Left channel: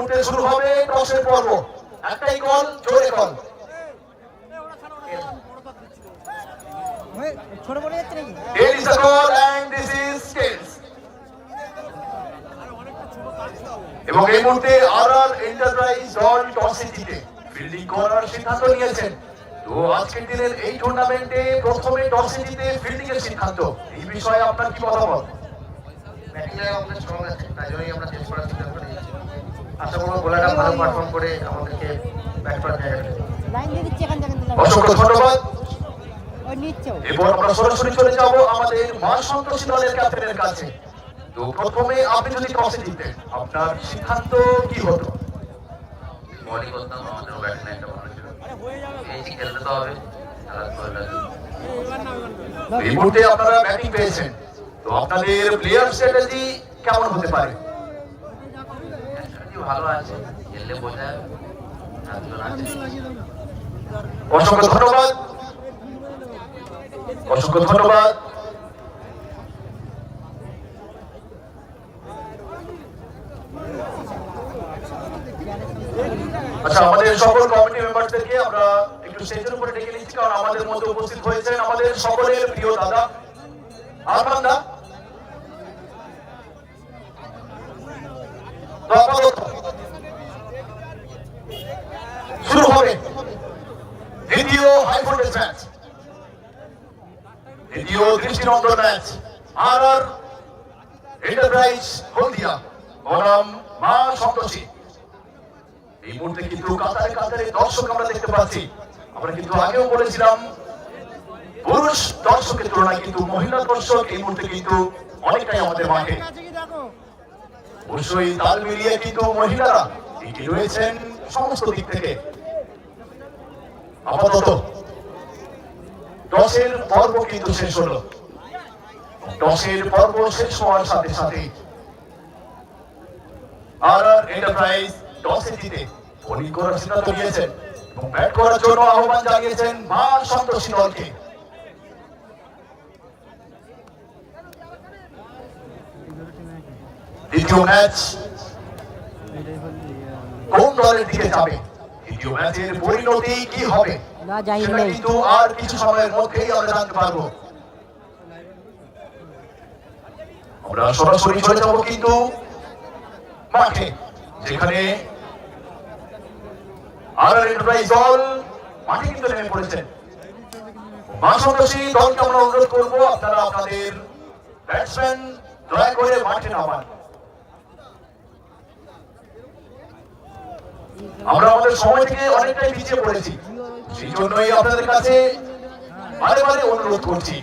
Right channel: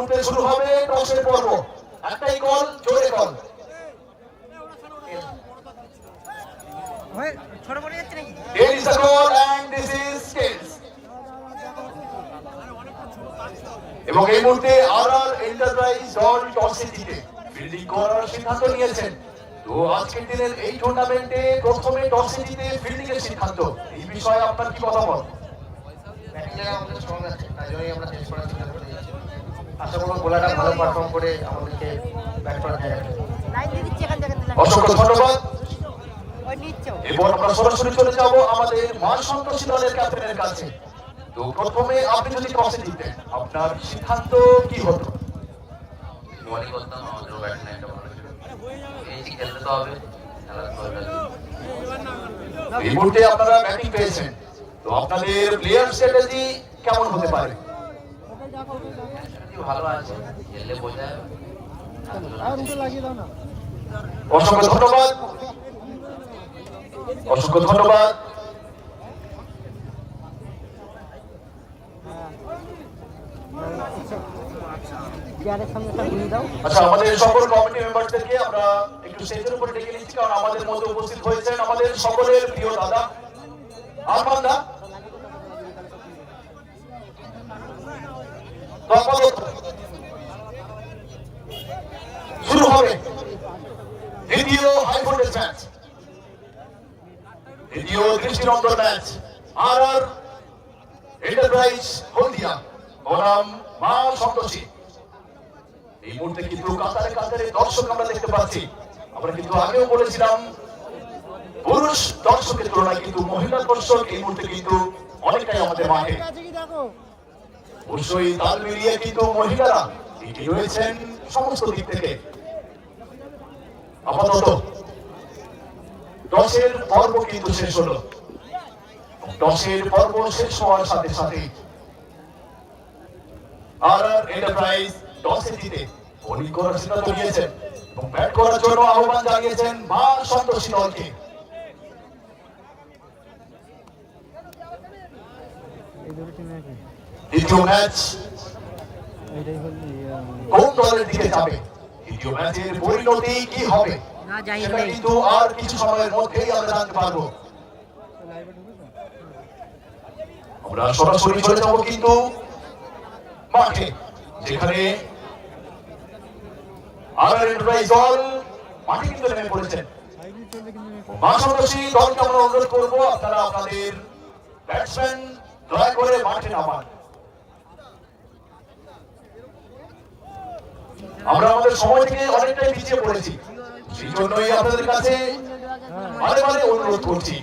মুহূর্তে শুরু হবে টসের পর্ব। একটাই কল, জোরে কল. এবং এই মুহূর্তে আর আর এন্টারপ্রাইজ দল টসে জিতে। ফিল্ডিং করার সিদ্ধান্ত নিয়েছেন। তো আজকের দিনের এই টুর্নামেন্টে প্রথমে টসে জিতে ফিল্ডিং এর সিদ্ধান্ত। এই বিষয়ে আপনার কি মতামত? আমাদের আছে তাই জন্যই আমরা চেষ্টা আশা করব ভালো পারফর্ম করে আমাদেরকে ব্যাট করার অসংখ্য ধন্যবাদ। এরপর আমরা সরাসরি চলে যাব আমাদের মা সন্তোষী দলের ক্যাপ্টেনের কাছে। তো প্রথমে আপনি যদি টসে জিতেন আপনার সিদ্ধান্ত কি হতো? বলই করতাম আমাদের ব্যাটম্যান একটা ভালো ছিল এই যে খেলতে তো হবে খেলা তো হবে এই মুহূর্তে আপনারা ব্যাটিং পেয়েছেন। তো আপনাদের প্লেয়ার স্ট্র্যাটেজি কেমন হতে পারে? ভালো আছে। খেললে বোঝা অসংখ্য ধন্যবাদ। অসংখ্য ধন্যবাদ। চেয়ারের সামনে লাগিয়ে দাও আচ্ছা আমাদের সকল কমিটি মেম্বারদেরকে আমরা একটু স্টেজের উপরে ডেকে নিচ্ছি কারণ আমাদের মধ্যে উপস্থিত হয়েছেন আমাদের সকলের প্রিয় দাদা আরমান দা তো শুরু হবে দ্বিতীয় হাই ভোল্টেজ ম্যাচ দ্বিতীয় দৃষ্টিনন্দন match R R enterprise Haldia বনাম মা সন্তোষী এই মুহূর্তে কিন্তু কাতারে কাতারে দর্শক আমরা দেখতে পাচ্ছি। আমরা কিন্তু আগেও বলেছিলাম, পুরুষ দর্শকের তুলনায় কিন্তু মহিলা দর্শক এই মুহূর্তে কিন্তু অনেকটাই আমাদের মাঠে। অবশ্যই তাল মিলিয়ে কিন্তু মহিলারা এগিয়ে রয়েছেন সমস্ত দিক থেকে। আপাতত টসের পর্ব কিন্তু শেষ হলো। টসের পর্ব শেষ হওয়ার সাথে সাথে আর আর এন্টারপ্রাইজ টসে জিতে বোলিং করার সিদ্ধান্ত নিয়েছেন এবং ব্যাট করার জন্য আহ্বান জানিয়েছেন মা সন্তোষী দলকে। দ্বিতীয় ম্যাচ কোন দলের দিকে যাবে? দ্বিতীয় ম্যাচের পরিণতি কি হবে? সেটা কিন্তু আর কিছু সময়ের মধ্যেই আমরা জানতে পারব। আমরা সরাসরি চলে যাব কিন্তু মাঠে যেখানে আর আর এন্টারপ্রাইজ দল মাঠে কিন্তু নেমে পড়েছেন মা সন্তোষী দলকে আমরা অনুরোধ করব আপনারা আপনাদের ব্যাটসম্যান দয়া করে মাঠে নামান। আমরা আমাদের সময় থেকে অনেকটাই পিছিয়ে পড়েছি। সেই জন্যই আপনাদের কাছে বারে বারে অনুরোধ করছি।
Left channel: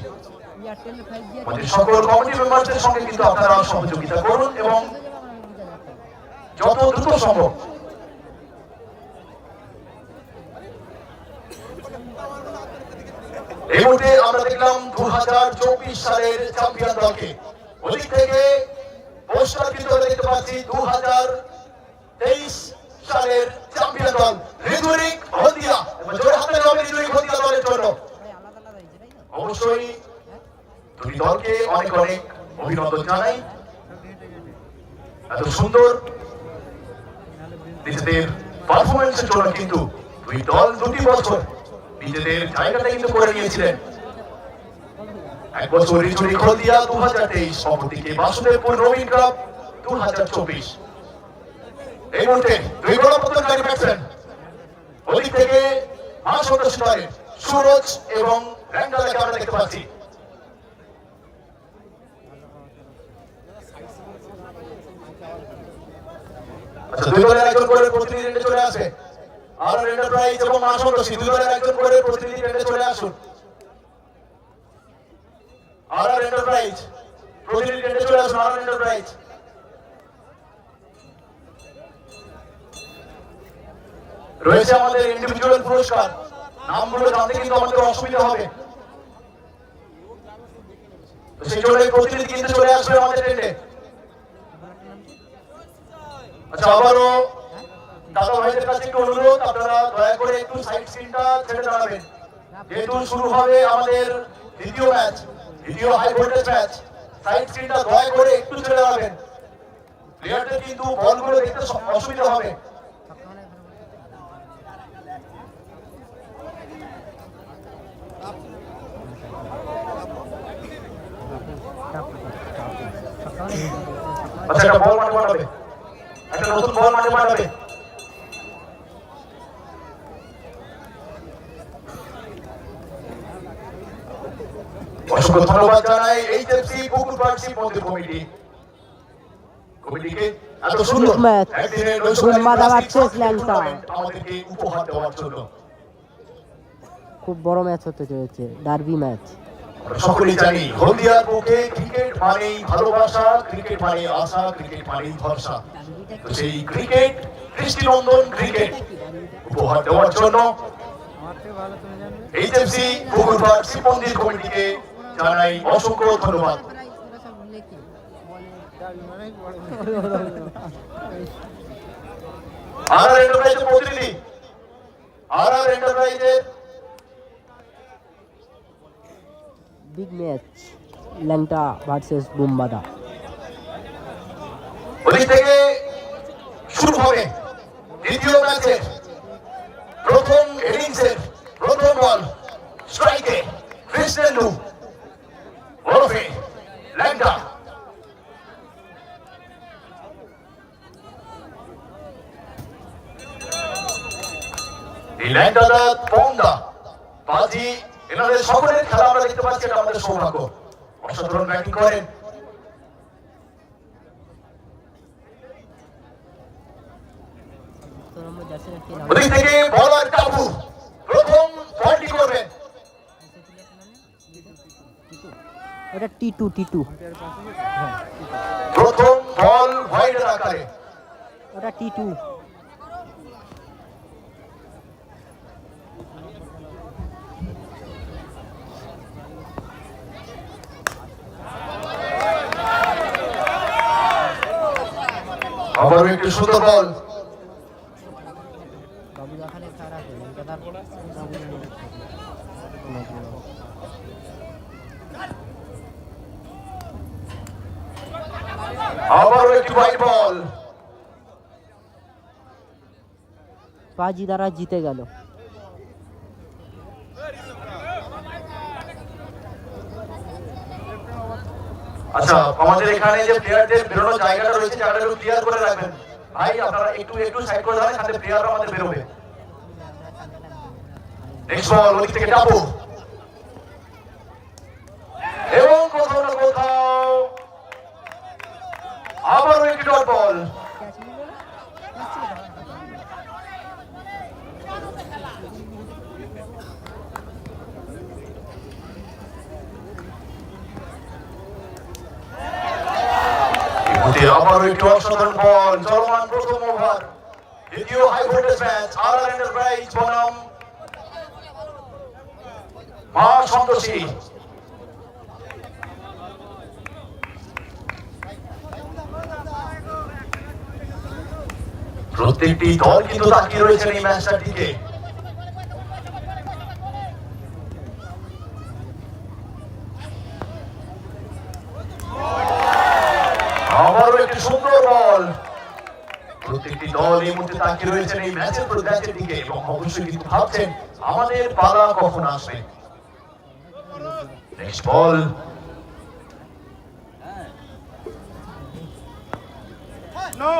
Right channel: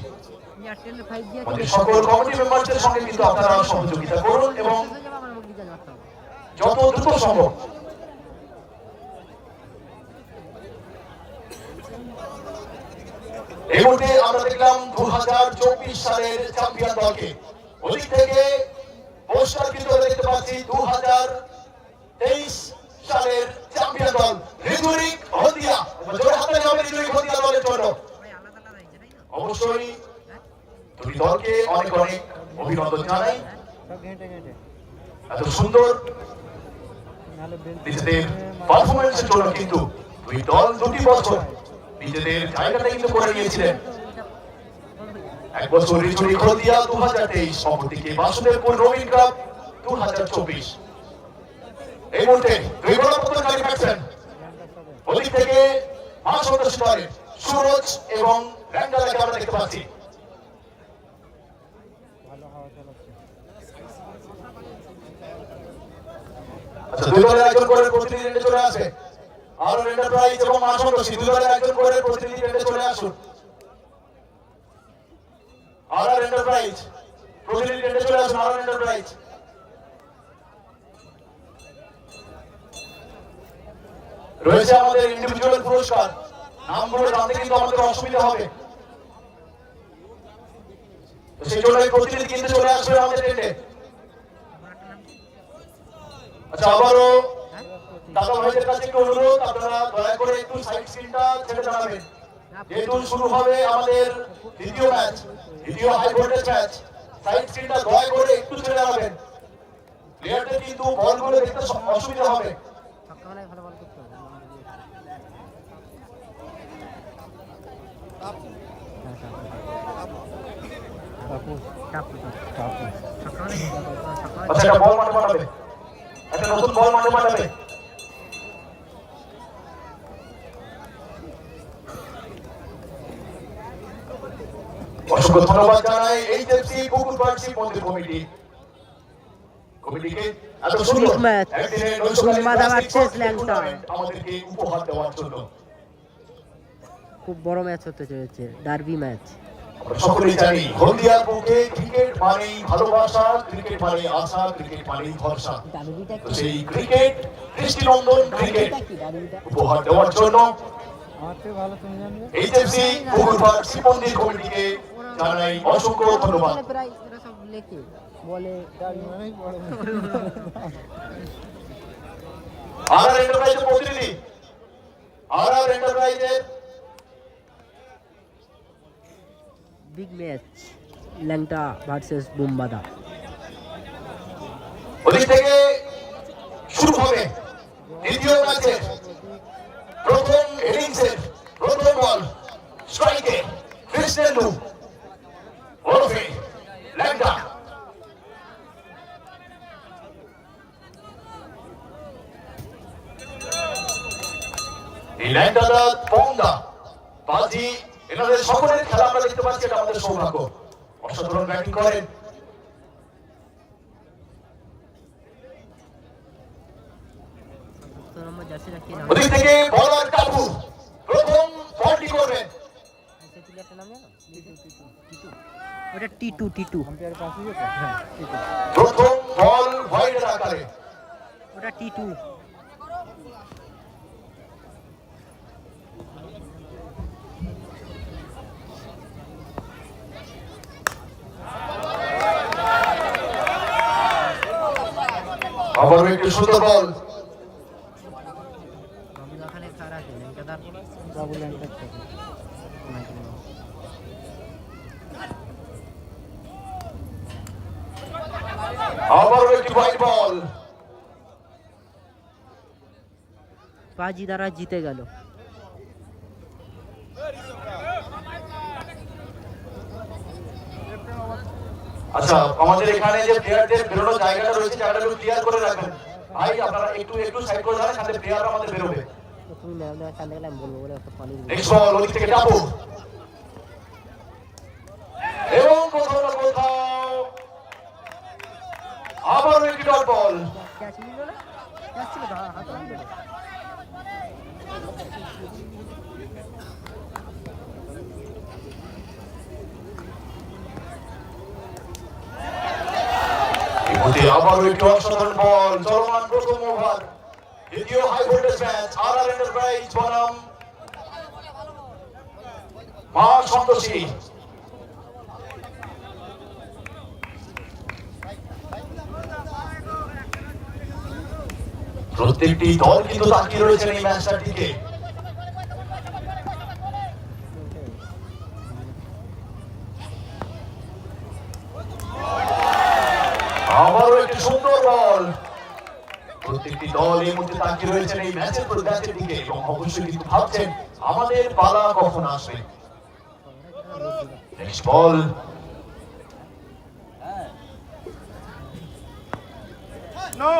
সকল কমিটি মেম্বারদের সঙ্গে কিন্তু আপনারা সহযোগিতা করুন এবং যত দ্রুত সম্ভব এই মুহূর্তে আমরা দেখলাম দু হাজার চব্বিশ সালের চ্যাম্পিয়ন দলকে। ওদিক থেকে পোস্টার আমরা দেখতে পাচ্ছি দু হাজার সালের চ্যাম্পিয়ন দল রিজুরিক হলদিয়া জোরে হাতে হবে রিজুরিক হলদিয়া দলের জন্য ভাই আলাদা আলাদা হয়েছে তাই তো অবশ্যই দুই দলকে অনেক অনেক অভিনন্দন জানাই এত সুন্দর। নিজেদের পারফরমেন্সের জন্য কিন্তু দুই দল দুটি বছর নিজেদের জায়গাটা কিন্তু করে নিয়েছিলেন। এক বছর রিচুরি খলদিয়া দু হাজার তেইশ, অপরদিকে বাসুদেবপুর রবিন ক্লাব দু হাজার চব্বিশ। এই মুহূর্তে দুই গণপত্তনকারী ব্যাটসম্যান ওদিক থেকে মা সদস্য দলের সুরজ এবং র্যান্ডালাকে আমরা দেখতে পাচ্ছি। আচ্ছা দুই দলের একজন করে প্রতিনিধি রেডে চলে আসবে। আর এন্টারপ্রাইজ এবং মা সন্তোষী দুই দলের একজন করে প্রতিনিধি রেডে চলে আসুন। আর এন্টারপ্রাইজ প্রতিনিধি রেডে চলে আসুন, আর এন্টারপ্রাইজ রয়েছে আমাদের ইন্ডিভিজুয়াল পুরস্কার। নামগুলো জানতে কিন্তু আমাদের অসুবিধা হবে। সেই জন্য প্রতিনিধি কিন্তু চলে আসবেন আমাদের টেন্ডে আচ্ছা আবারও দাদা ভাইদের একটু অনুরোধ, আপনারা দয়া করে একটু সাইড স্ক্রিনটা ছেড়ে দাঁড়াবেন। যেহেতু শুরু হবে আমাদের দ্বিতীয় ম্যাচ, দ্বিতীয় হাই ভোল্টেজ ম্যাচ, সাইড স্ক্রিনটা দয়া করে একটু ছেড়ে দাঁড়াবেন। প্লেয়ারদের কিন্তু বলগুলো দেখতে অসুবিধা হবে। আচ্ছা একটা বল নতুন বল মাঠে পাঠাবে অসংখ্য ধন্যবাদ জানাই এইচএফসি পুকুর পার্সি মন্দির কমিটি কমিটিকে এত সুন্দর ম্যাচ। একদিনের নৈশকালীন উন্মাদা প্লাস্টিক ভার্সেস হকি ল্যাংটা। আমাদেরকে উপহার দেওয়ার জন্য খুব বড় ম্যাচ হতে চলেছে ডার্বি ম্যাচ সকলেই জানি, হলদিয়ার বুকে ক্রিকেট মানেই ভালোবাসা, ক্রিকেট মানে আশা, ক্রিকেট মানেই ভরসা। সেই ক্রিকেট, দৃষ্টিনন্দন ক্রিকেট উপহার দেওয়ার জন্য এইচএফসি পুকুরপাড় শিবমন্দির কমিটিকে জানাই অসংখ্য ধন্যবাদ। আর আর এন্টারপ্রাইজের প্রতিনিধি, আর আর এন্টারপ্রাইজের big match Langta versus Bumbada থেকে শুরু হবে দ্বিতীয় ম্যাচের প্রথম ইনিংসের প্রথম বল স্ট্রাইকে কৃষ্ণেন্দু, ওরফে ল্যাংটা। এই পাচ্ছি এটা আমাদের সৌভাগ্য। অসাধারণ ব্যাটিং করেন। ওদিক থেকে বলার কাবু প্রথম বলটি করবেন। সেই প্লেয়ারটার নাম জানো টিটু। ওটা টি টু টি টু প্রথম বল হোয়াইটের আকারে। ওটা টি টু একটু সুন্দর বল। বল পাজি দ্বারা জিতে গেল। আচ্ছা আমাদের এখানে যে প্লেয়ারদের বেরোনোর জায়গাটা রয়েছে জায়গাটা একটু ক্লিয়ার করে রাখবেন একটু একটু সাইড করে প্লেয়ার আমাদের বেরোবে। নেক্সট বল ওই থেকে টাপু। এবং কোথাও না বল ক্যাচ নিল না ক্যাচ ছিল তো হাতে নিল এগুতে আবারও একটু অসাধারণ বল। চলমান প্রথম ওভার। দ্বিতীয় ম্যাচ আর আর এন্টারপ্রাইজ বনাম। মা সন্তোষী প্রত্যেকটি দল কিন্তু তাকিয়ে রয়েছেন এই ম্যাচটার দিকে আবারও একটি সুন্দর বল প্রত্যেকটি দল এই মুহূর্তে তাকিয়ে রয়েছেন এই ম্যাচের ম্যাচের দিকে এবং অবশ্যই কিন্তু ভাবছেন আমাদের পালা কখন আসবে। Next ball no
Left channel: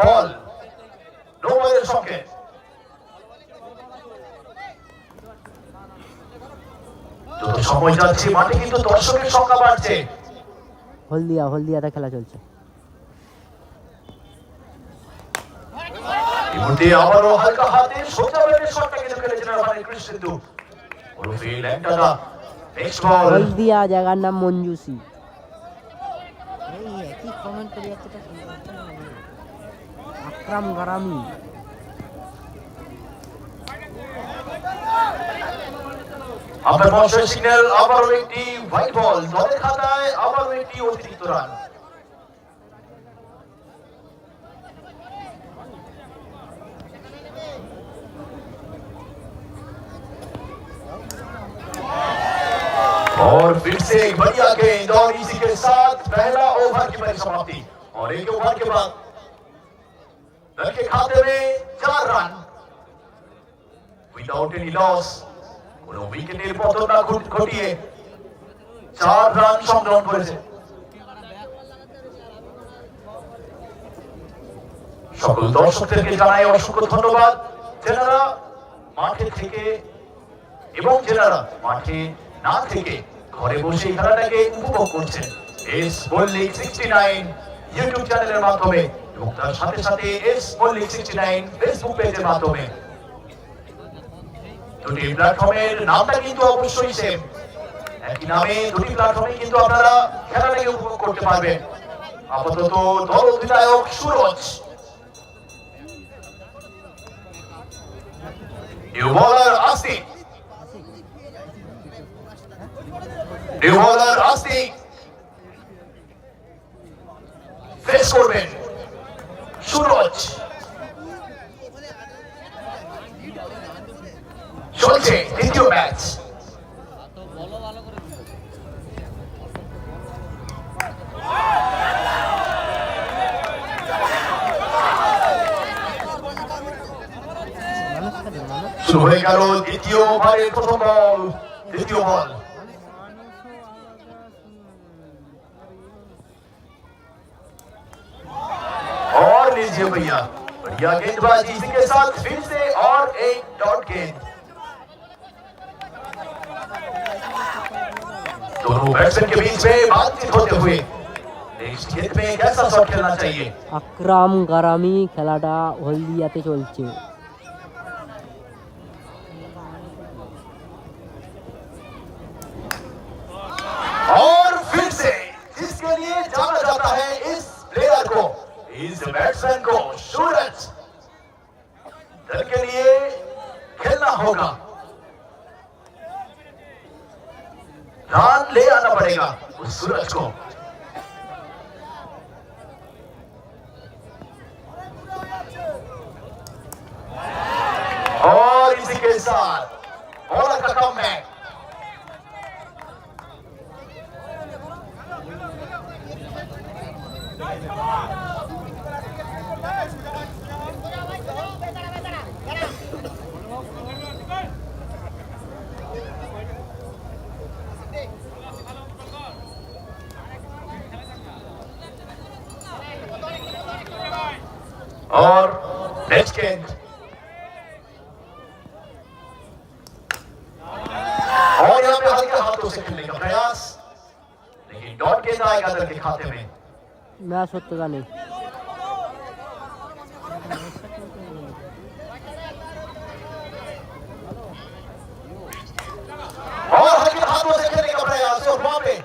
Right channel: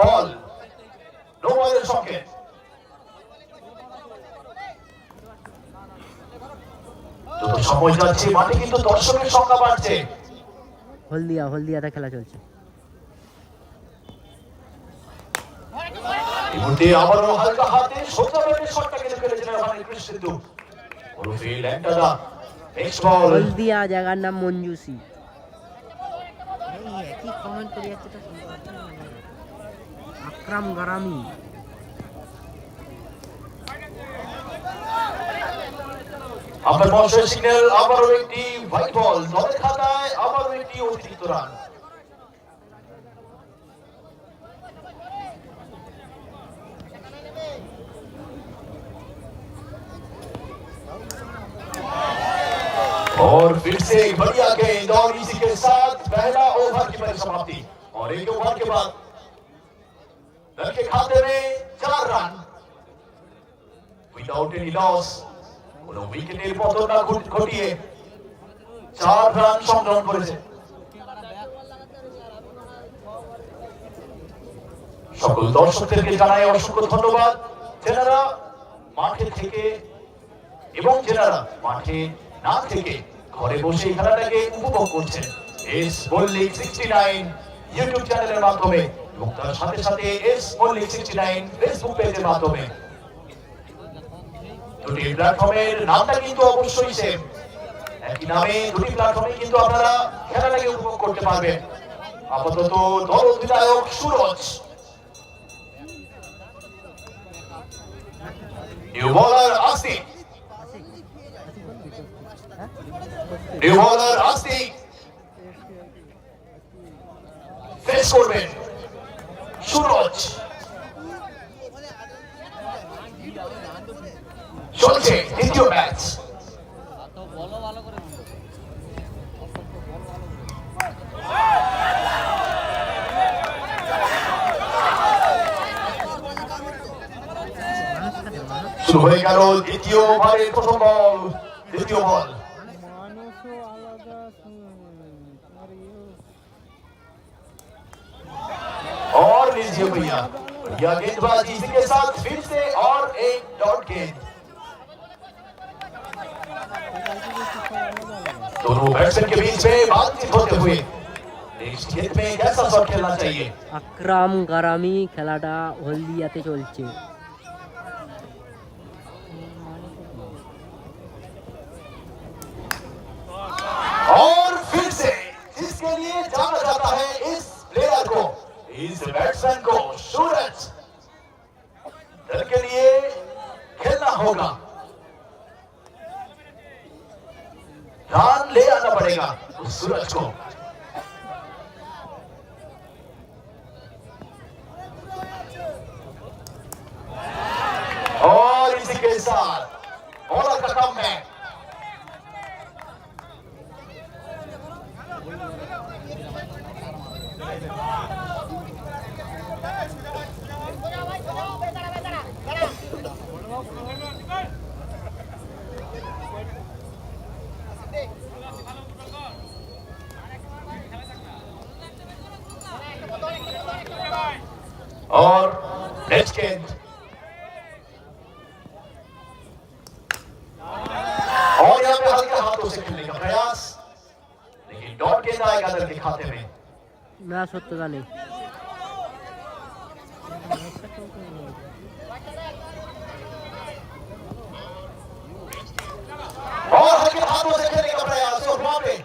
ball no বলের সঙ্গে যত সময় যাচ্ছে মাঠে কিন্তু দর্শকের সংখ্যা বাড়ছে। হলদিয়া হলদিয়াতে খেলা চলছে। মুহূর্তে আবারও হালকা হাতে সোজা ব্যাটে শটটা কেটে ফেলেছিলেন ওখানে কৃষ্ণেন্দু ওরফে ল্যাংটাদা নেক্সট বল হলদিয়া জায়গার নাম মঞ্জুসি। এই একই কমেন্ট করে যাচ্ছে। আকরাম গারামি। আপনার মহাশয় সিগন্যাল আবারও একটি হোয়াইট বল দলের খাতায় আবারও একটি অতিরিক্ত রান और फिर से एक बढ़िया गेंद और इसी के के साथ पहला ओवर की परिसमाप्ति और एक ओवर के बाद दल के खाते में चार रन विदाउट एनी लॉस কোনো উইকেটের পতন না ঘট- ঘটিয়ে চার রান সংগ্রহ করেছে সকল দর্শকদেরকে জানাই অসংখ্য ধন্যবাদ যেনারা মাঠে থেকে এবং যেনারা মাঠে না থেকে ঘরে বসে এই খেলাটাকে উপভোগ করছেন। S Mallick sixty nine YouTube চ্যানেলের মাধ্যমে এবং তার সাথে সাথে S Mallick sixty nine Facebook পেজের মাধ্যমে। দুটি প্ল্যাটফর্মের নামটা কিন্তু অবশ্যই সেম একই নামে দুটি প্ল্যাটফর্মে কিন্তু আপনারা খেলাটাকে উপভোগ করতে পারবেন। আপাতত দল অধিনায়ক সুরজ। নিউ বলার আস্তিক নিউ আস্তিক ফেস করবেন সুরজ চলছে দ্বিতীয় ম্যাচ শুরু হয়ে গেল দ্বিতীয় ওভারের প্রথম বল, দ্বিতীয় বল। और लीजिए भैया बढ़िया गेंदबाजी इसी के साथ फिर से और एक डॉट गेंद दोनों बैट्समैन के बीच में बातचीत होते हुए नेक्स्ट गेंद में कैसा शॉट खेलना चाहिए আকরাম গারামি খেলাটা হলদিয়াতে চলছে और इसी के साथ बॉलर का कम बैक और नेक्स्ट गेंद না সত্যতা নেই और हल्के हाथों से खेलने का प्रयास और वहां पे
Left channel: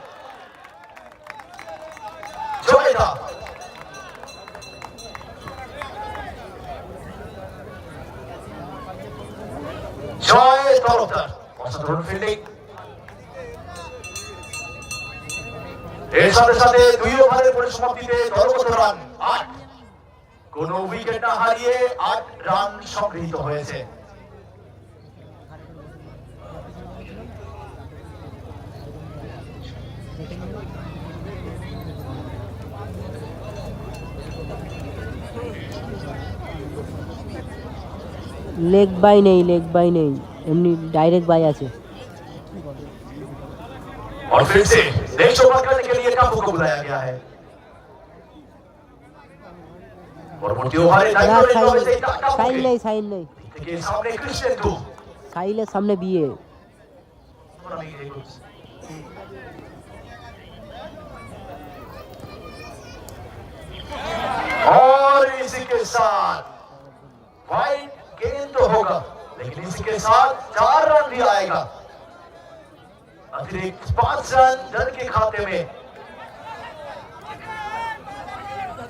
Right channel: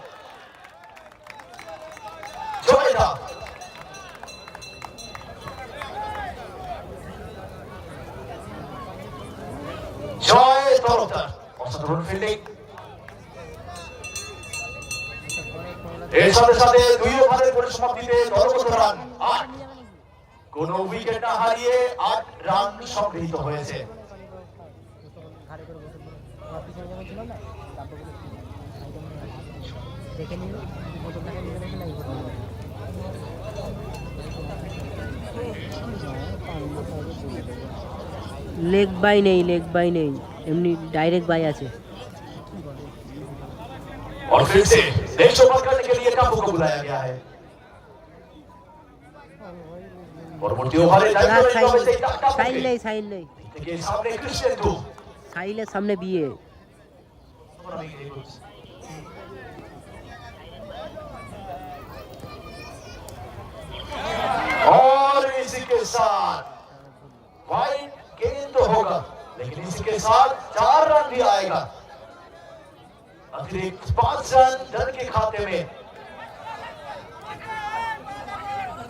जय था জয় তরফদার অসাধারণ ফিল্ডিং এর সাথে সাথে দুই ওভারের পরিসমাপ্তিতে দলগত রান আট। কোন উইকেট না হারিয়ে আট রান সংগৃহীত হয়েছে। লেগ বাই নেই লেগ বাই নেই। এমনি ডাইরেক্ট বাই আছে। অফেন্সে নেক্সট ওভারটা का हुक्म लाया गया है। और त्योहार साइल ले साइल ले के सामने क्रिश्चियन दो साइल सामने भी है। और इसी के साथ वाइट गेंद तो होगा लेकिन इसी के साथ चार रन भी आएगा। अतिरिक्त पाँच रन दल के खाते में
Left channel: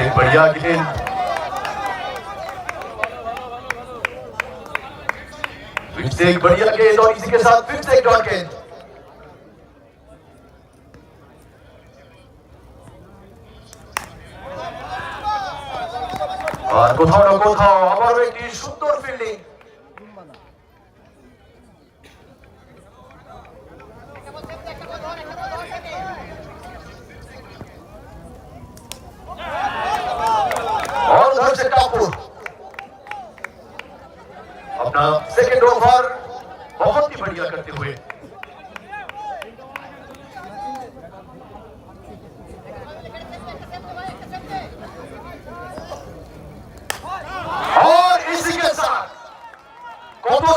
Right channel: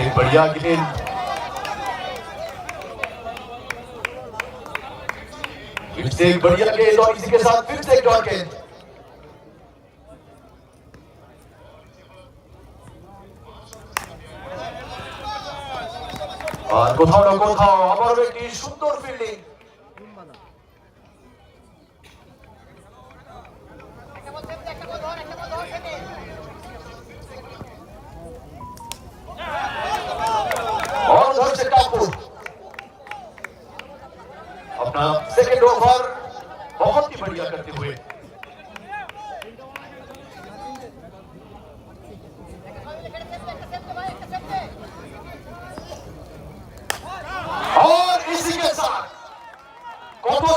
फिर से बढ़िया गेंद फिर से एक बढ़िया गेंद और इसी के साथ फिर से एक डॉट गेंद আর কোথাও না কোথাও আবারও একটি সুন্দর ফিল্ডিং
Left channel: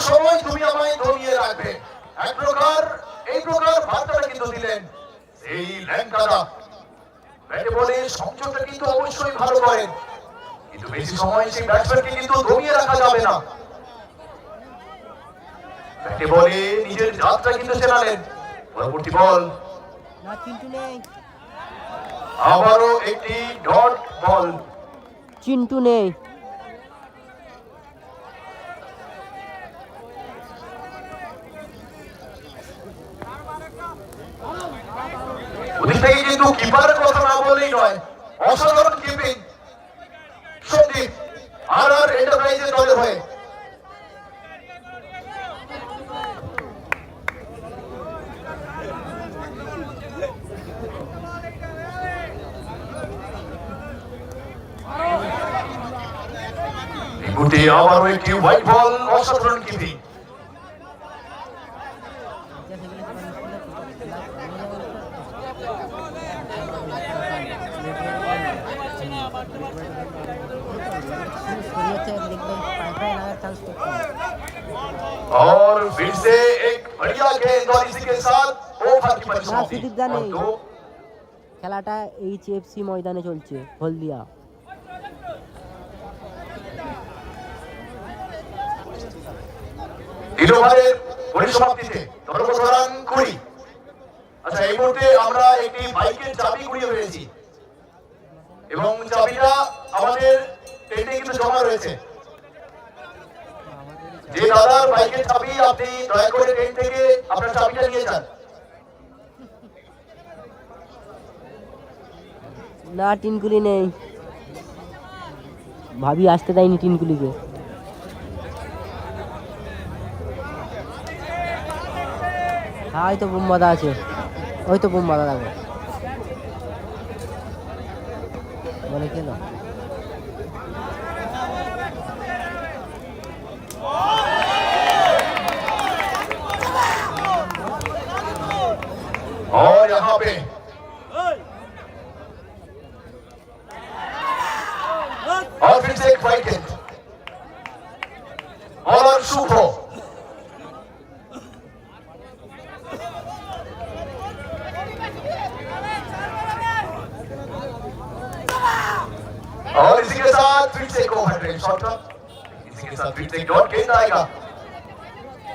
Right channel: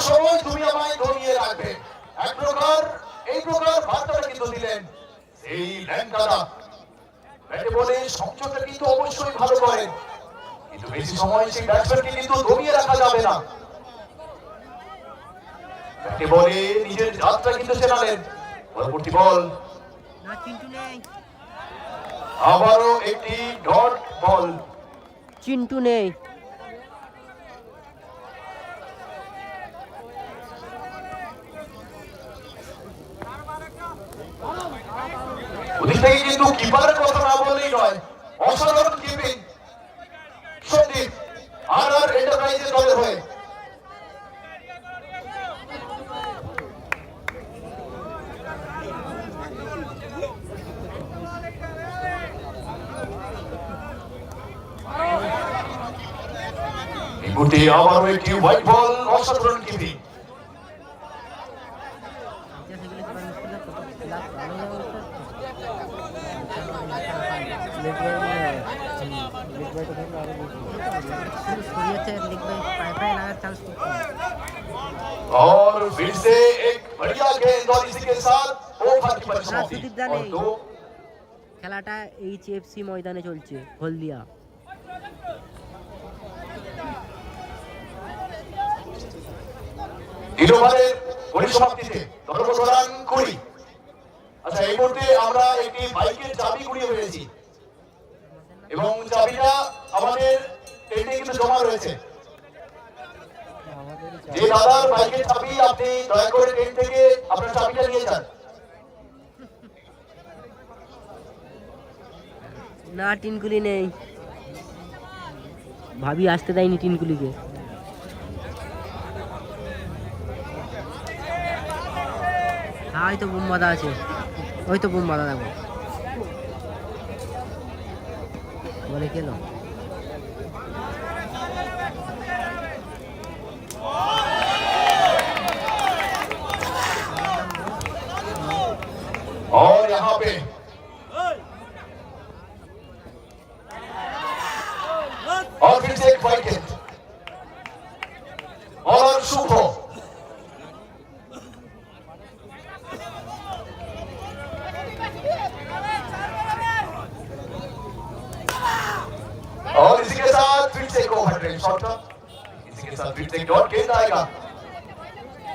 সময় তুমি আমায় দমিয়ে রাখবে। এক প্রকার এই প্রকার বার্তাটা কিন্তু দিলেন সেই ল্যাং দাদা ব্যাটে বলে সংযোগটা কিন্তু অবশ্যই ভালো করেন। কিন্তু বেশি সময় সেই ব্যাটসম্যানকে কিন্তু দমিয়ে রাখা যাবে না। ব্যাটে বলে নিজের যাত্রা কিন্তু চেনালেন পরবর্তী বল। না চিন্টু নেই। আবারও একটি ডট বল। চিন্টু নেই। কিন্তু কিপারের কথা না বলেই নয়, অসাধারণ কিপিং। সন্দীপ আর আর এন্টারপ্রাইজের দলের হয়ে। গুটি আবারও একটি হোয়াইট বল অসাধারণ কিপিং যা সেগুলো কি মানুষ খেলা তো খেলা ভালো লাগছে দেখবে পায়ে পায়ে লাগার চান্স খুব কম और फिर से एक बढ़िया गेंद और इसी के साथ ओवर की परिसमाप्ति सुदीप दा और नहीं। दो খেলাটা এইচএফসি ময়দানে চলছে হলদিয়া তিন ওভারের পরিসমাপ্তিতে ধর্মগত রান কুড়ি আচ্ছা এই মুহূর্তে আমরা একটি বাইকের চাবি কুড়িয়ে পেয়েছি এবং চাবিটা আমাদের টেন্টে কিন্তু জমা রয়েছে দাদার বাইকের চাবি আপনি দয়া করে টেন্ট থেকে আপনার চাবিটা নিয়ে যান। না, টিনকুলি নেই। ভাবি আসতে দেয়নি টিনকুলিকে। হ্যাঁ ওই তো বোমবাদা আছে। ওই তো বোমবাদা দেখো বলে খেলো। से एक ओवर ड्राइव शॉट का इसी के साथ फिर से एक डॉट गेंद आएगा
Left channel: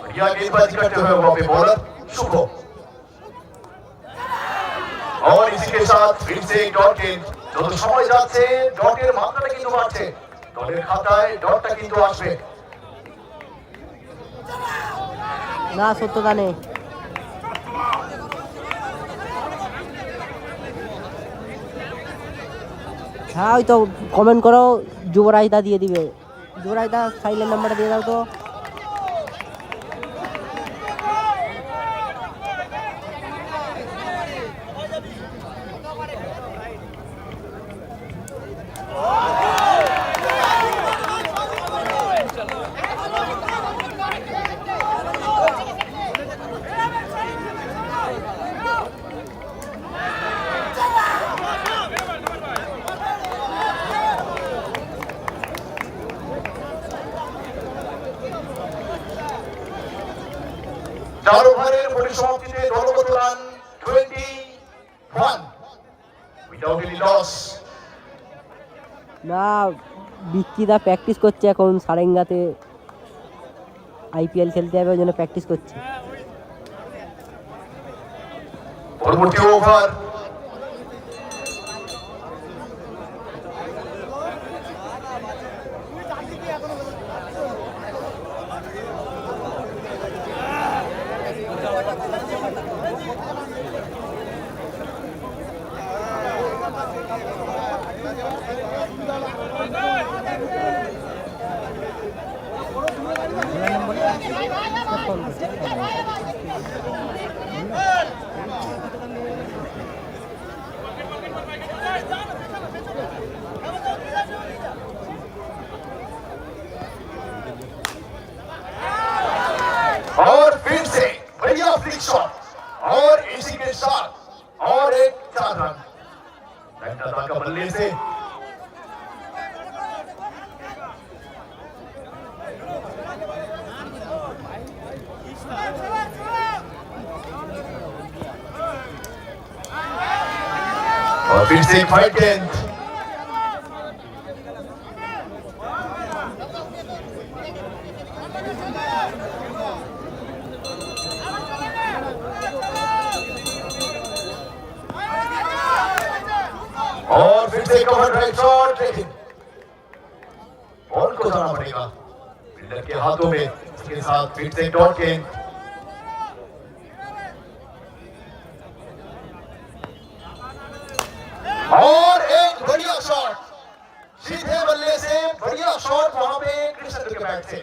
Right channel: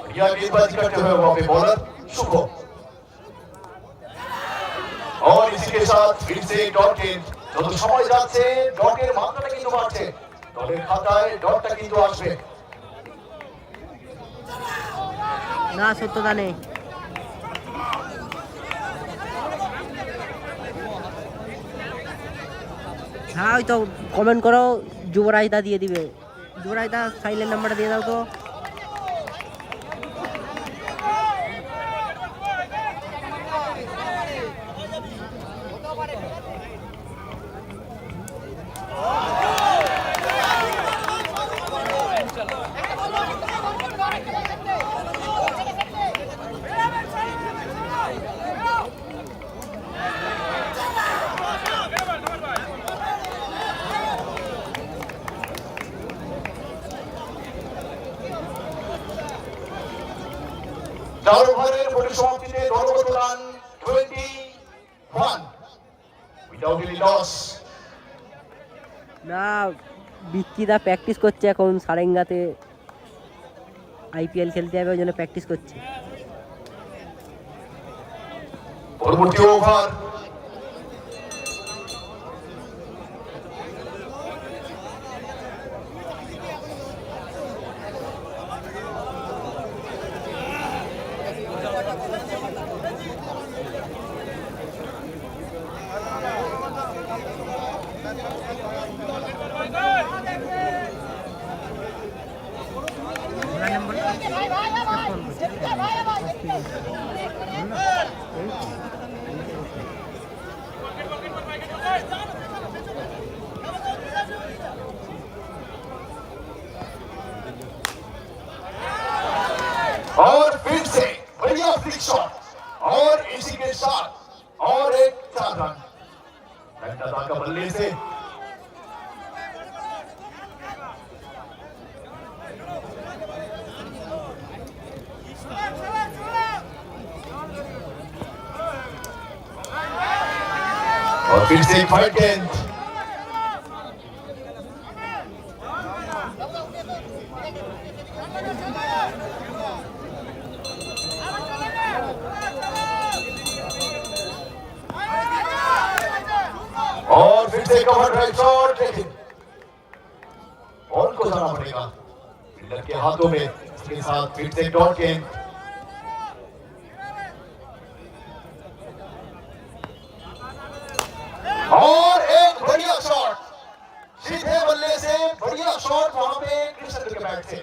बढ़िया गेंदबाजी करते हुए वहां पे बॉलर शुभ हो और इसी के साथ फिर से एक डॉट गेंद যত সময় যাচ্ছে ডটের মাত্রাটা কিন্তু বাড়ছে দলের খাতায় ডটটা কিন্তু আসবে না সত্যতা নেই হ্যাঁ ওই তো কমেন্ট করো, যুবরাজ দা দিয়ে দিবে। যুবরাজ দা সাইলেন্ট নাম্বারটা দিয়ে দাও তো। দা প্র্যাকটিস করছে এখন? সারেঙ্গাতে আইপিএল খেলতে যাবে ওই জন্য প্র্যাকটিস করছে। পরবর্তী ওভার ভোলা ओवर शॉट लेकिन बॉल को जाना पड़ेगा के हाथों में इसके साथ फिर से डॉट गेंद और एक बढ़िया शॉट सीधे बल्ले से बढ़िया शॉट वहाँ पे कृष्ण के बैट से.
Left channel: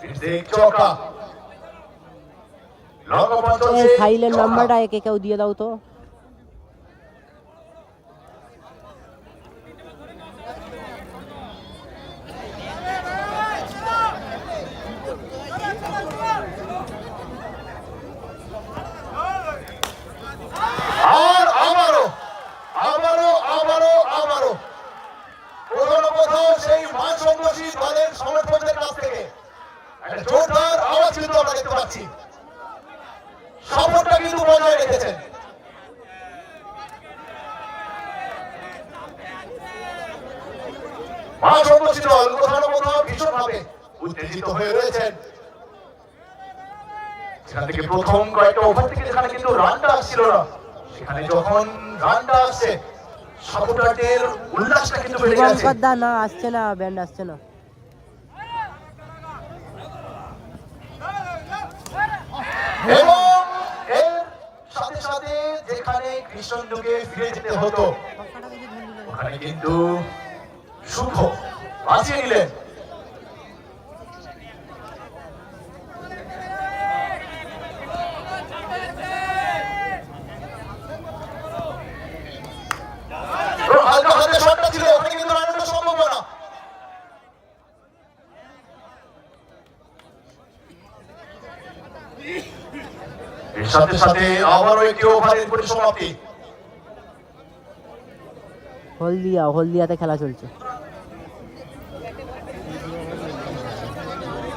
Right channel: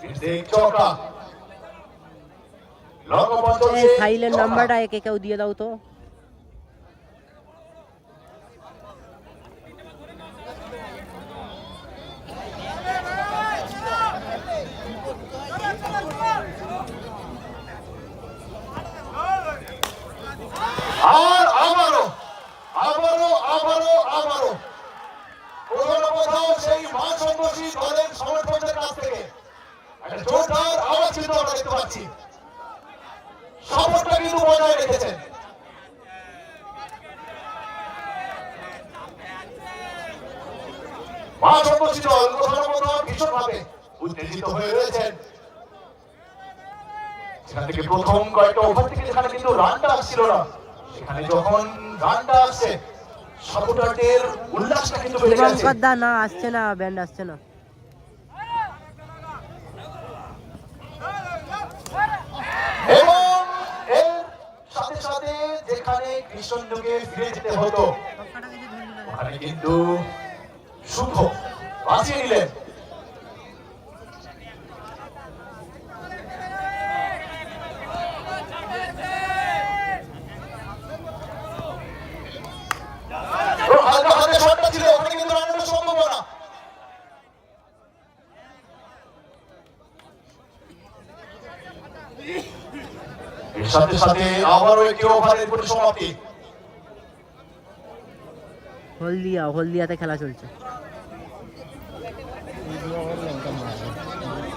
फिर से एक चौका. थाईलैंड नंबर आए के क्या दिया दाऊ तो? দা না আসছে না ব্যান্ড আসছে না। সাথে যেখানে ফিরে যেতে হতো কিন্তু শুভ বাঁচিয়ে নিলেন এবং হালকা হাতে শটটা ছিল ওখানে কিন্তু রানের সম্ভাবনা এর সাথে সাথে আবারও একটি ওভারের পরিসমাপ্তি। হলদিয়া হলদিয়াতে খেলা চলছে।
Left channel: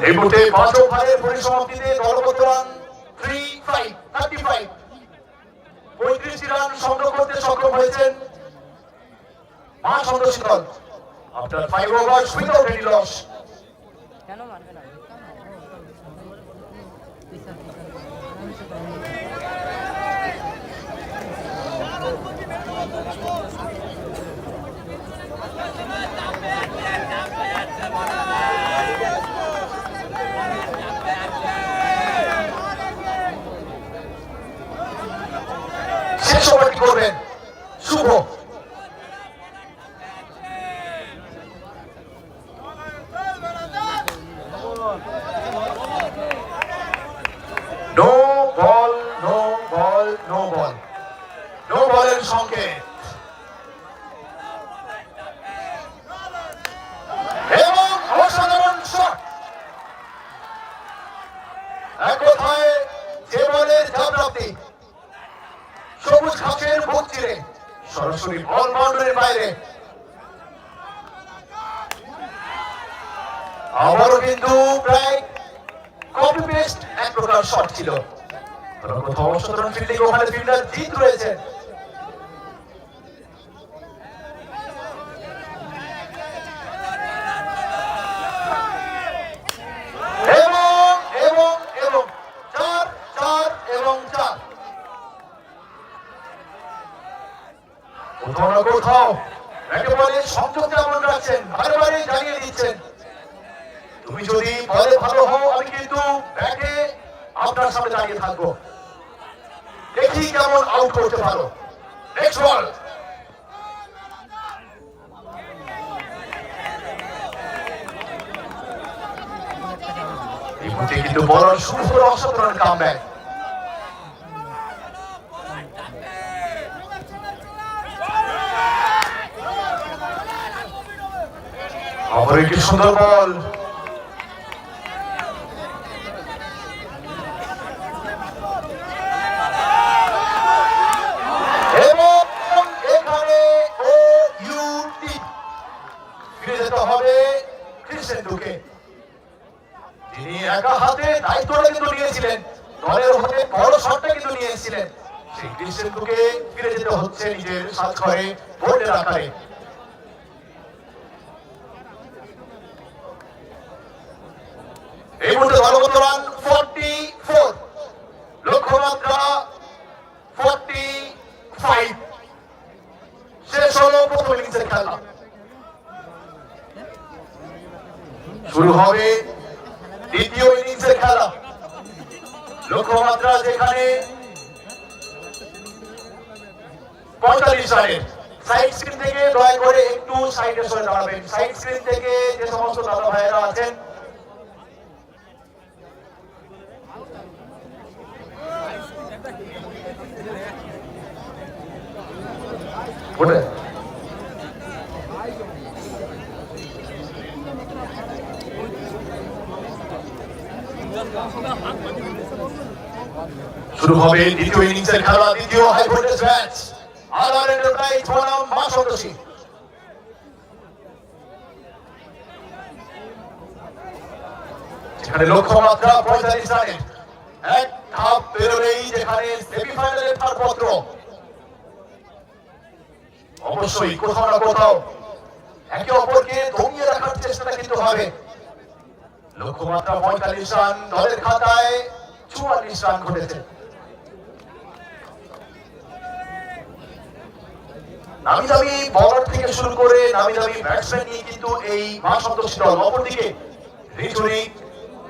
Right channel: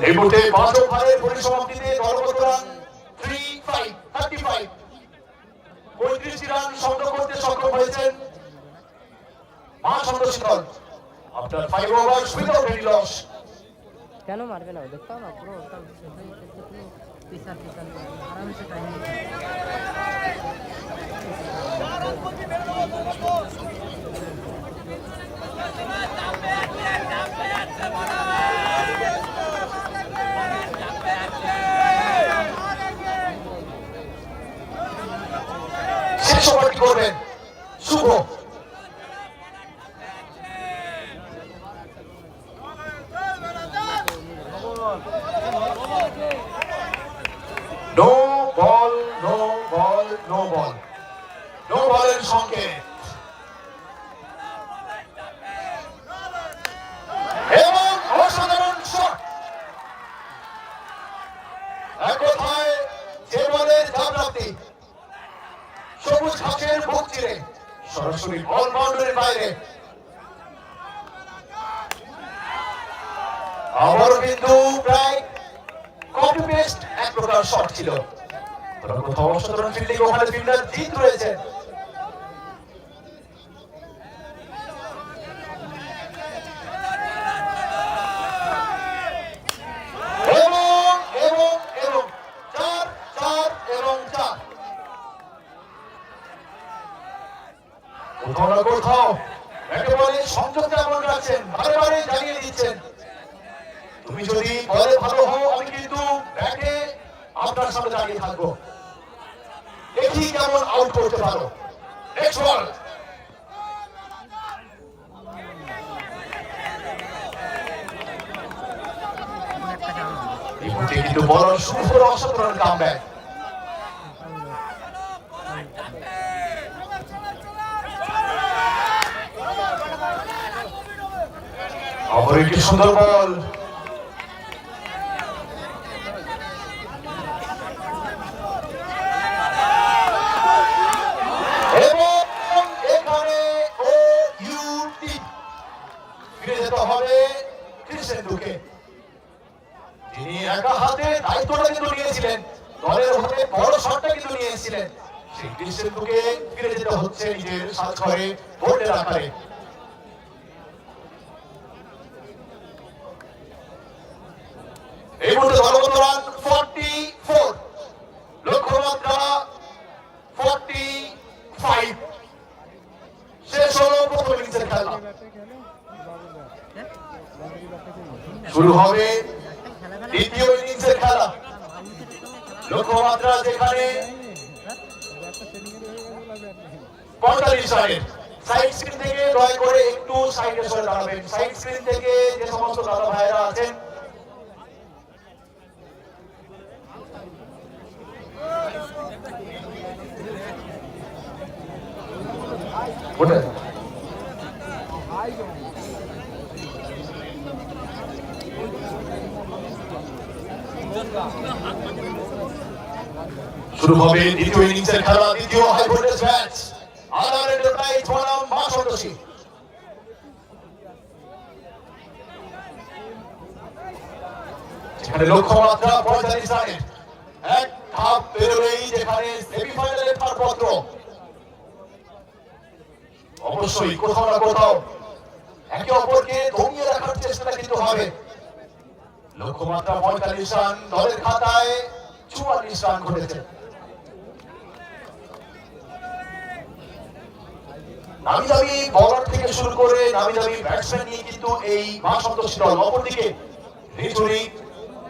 এই মুহূর্তে পাঁচ ওভারের পরিসমাপ্তিতে দলগত run three five thirty five পঁয়ত্রিশটি রান সংগ্রহ করতে সক্ষম হয়েছেন মা সন্তোষী দল। আপনার five over without any loss Thank you. কপি এক প্রকার শট ছিল। কোথাও অসাধারণ ফিল্ডিং ওখানে ফিল্ডার জিত রয়েছে এবং এবং এবং চার চার এবং চার কোথাও না কোথাও একেবারে সংযমটা এমন রাখছেন বারে বারে জানিয়ে দিচ্ছেন তুমি যদি বলে ভালো হও আমি কিন্তু ব্যাটে আপনার সামনে দাঁড়িয়ে থাকব দেখি কেমন আউট করতে পারো নেক্সট বল এই মুহূর্তে কিন্তু বড় সুন্দর অসাধারণ কামব্যাক অপর একটি সুন্দর বল এবং এখানে ও ইউটি ফিরে যেতে হবে ক্রিসেন্ডুকে তিনি একা হাতে দায়িত্বটা কিন্তু নিয়েছিলেন দলের হয়ে বড় শটটা কিন্তু নিয়েছিলেন সেই ক্রিসেন্ডুকে ফিরে যেতে হচ্ছে নিজের সাজ করে ভোটের আকারে এই মুহূর্তে দলগত রান ফর্টি ফোর লক্ষ্যমাত্রা ফর্টি ফাইভ শেষ হলো প্রথম ইনিংসের খেলা শুরু হবে দ্বিতীয় ইনিংসের খেলা লক্ষ্যমাত্রা যেখানে পঁয়তাল্লিশ রানের। সাইড স্ক্রিন থেকে দয়া করে একটু সাইডে সরে দাঁড়াবেন। সাইড স্ক্রিন থেকে যে সমস্ত দাদা ভাইয়েরা আছেন শুরু হবে দ্বিতীয় ইনিংসের খেলা, দ্বিতীয় হাই ভোল্টেজ ম্যাচ আর এন্টারপ্রাইজ বনাম মা সন্তোষী। লক্ষ্যমাত্রা পঁয়তাল্লিশ এক পেরোলেই যেখানে সেমিফাইনালের ছাড়পত্র অবশ্যই কোথাও না কোথাও একে অপরকে দমিয়ে রাখার চেষ্টা কিন্তু হবে। লক্ষ্যমাত্রা পঁয়তাল্লিশ রান, দলের খাতায় চুয়াল্লিশ রান করেছে নামি দামি বলার থেকে শুরু করে নামি দামি ব্যাটসম্যান নিয়ে কিন্তু এই মা সন্তোষী দল অপরদিকে রিচুরি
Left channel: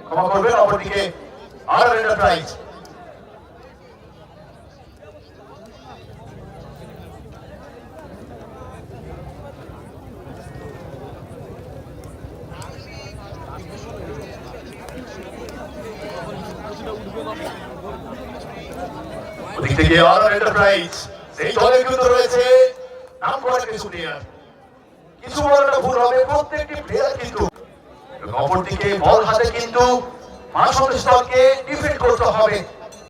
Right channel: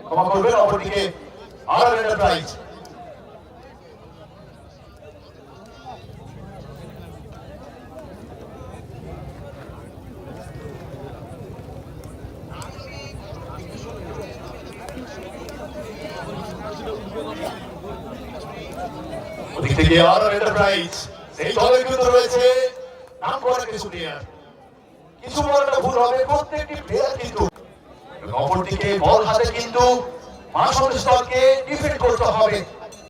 ক্ষমা করবেন, অপরদিকে আর আর এন্টারপ্রাইজ থেকে আর এন্টারপ্রাইজ সেই দলে কিন্তু রয়েছে নাম করা কিছু প্লেয়ার কিছু বলাটা ভুল হবে, প্রত্যেকটি প্লেয়ার কিন্তু। অপরদিকে বল হাতে কিন্তু মা সন্দেশ দলকে ডিফেন্ড করতে হবে।